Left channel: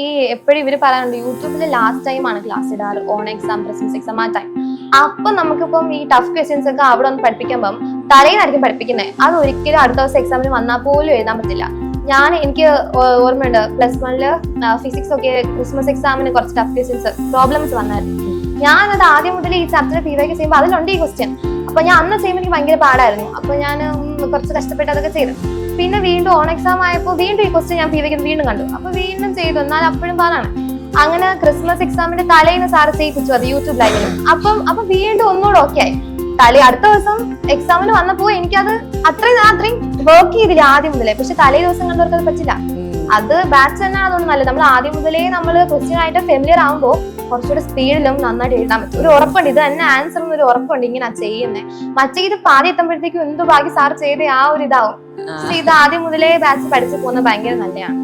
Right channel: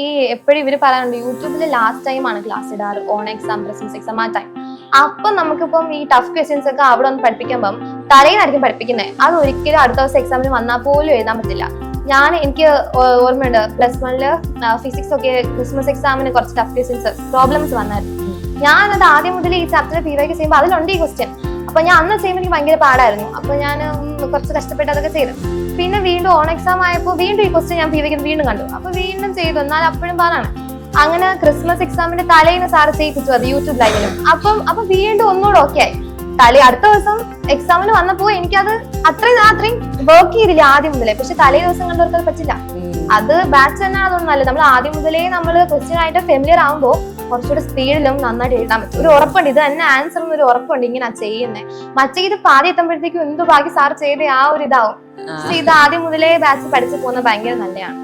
ഈ എപ്പോഴും ഇവര് പറയാറുണ്ട് യൂട്യൂബിൽ ലാസ്റ്റ് ടൈം ആണ് ക്ലാസ് ഇടാറ്, ഓൺ എക്സാം, ക്രിസ്മസ് എക്സാം ആ ടൈം. അപ്പൊ നമുക്കിപ്പം ഈ ടഫ് ക്വസ്റ്റ്യൻസ് ഒക്കെ അവിടെ ഒന്ന് പഠിപ്പിക്കുമ്പം തലേന്നായിരിക്കും പഠിപ്പിക്കുന്നത്. അത് ഒരിക്കലും അടുത്ത ദിവസം എക്സാമിന് വന്നാൽ പോലും എഴുതാൻ പറ്റില്ല. എനിക്ക് ഓർമ്മയുണ്ട് +1 ഫിസിക്സ് ഒക്കെ ക്രിസ്മസ് എക്സാമിന് കുറച്ച് ടഫ് ക്വസ്റ്റ്യൻസ് പ്രോബ്ലംസ് വന്നായിരുന്നു. ഞാനത് ആദ്യം മുതൽ ഈ ചാപ്റ്റർ PYQ ചെയ്യുമ്പോൾ അതിലുണ്ട് ഈ ക്വസ്റ്റ്യൻ. അപ്പൊ ഞാൻ അന്ന് ചെയ്യുമ്പോൾ എനിക്ക് ഭയങ്കര പാടായിരുന്നു. അപ്പൊ ഞാൻ കുറച്ച് കഷ്ടപ്പെട്ട് അതൊക്കെ ചെയ്തു. പിന്നെ വീണ്ടും ഓൺ എക്സാം ആയപ്പോൾ വീണ്ടും ഈ ക്വസ്റ്റ്യൻ ഞാൻ PYQ വീണ്ടും കണ്ടു. അപ്പൊ വീണ്ടും ചെയ്തു, എന്നാൽ അപ്പോഴും പാടാണ്. അങ്ങനെ ക്രിസ്മസ് എക്സാമിന്റെ തലേന്ന് സാറ് ചെയ്യിപ്പിച്ചു അത് യൂട്യൂബ് ലൈവില്. അപ്പൊ വീണ്ടും ഒന്നുകൂടെ ഓക്കെ ആയി. അടുത്ത ദിവസം എക്സാമിന് വന്നപ്പോ എനിക്കത് അത്രയും വർക്ക് ചെയ്തില്ല ആദ്യം മുതലേ. പക്ഷെ തലേ ദിവസം കണ്ടവർക്ക് അത് പറ്റില്ല. അത് ബാച്ച് തന്നെയാണെന്നൊന്നും അല്ല, നമ്മൾ ആദ്യം മുതലേ നമ്മൾ ക്വസ്റ്റ്യൻ ആയിട്ട് ഫെമിലിയർ ആകുമ്പോൾ കുറച്ചുകൂടെ സ്പീഡിലും നന്നായിട്ട് എഴുതാൻ പറ്റും. ഒരു ഉറപ്പുണ്ട്, ഇത് തന്നെ ആൻസർ എന്നൊരു ഉറപ്പുണ്ട് ഇങ്ങനെ ചെയ്യുന്നത്. മറ്റേ ഇത് പാതി എത്തുമ്പോഴത്തേക്കും എന്ത് ബാക്കി സാർ ചെയ്ത ആ ഒരു ഇതാവും. പക്ഷെ ഇത് ആദ്യം മുതലേ ബാച്ച് പഠിച്ചു പോകുന്നത് ഭയങ്കര നല്ലതാണ്.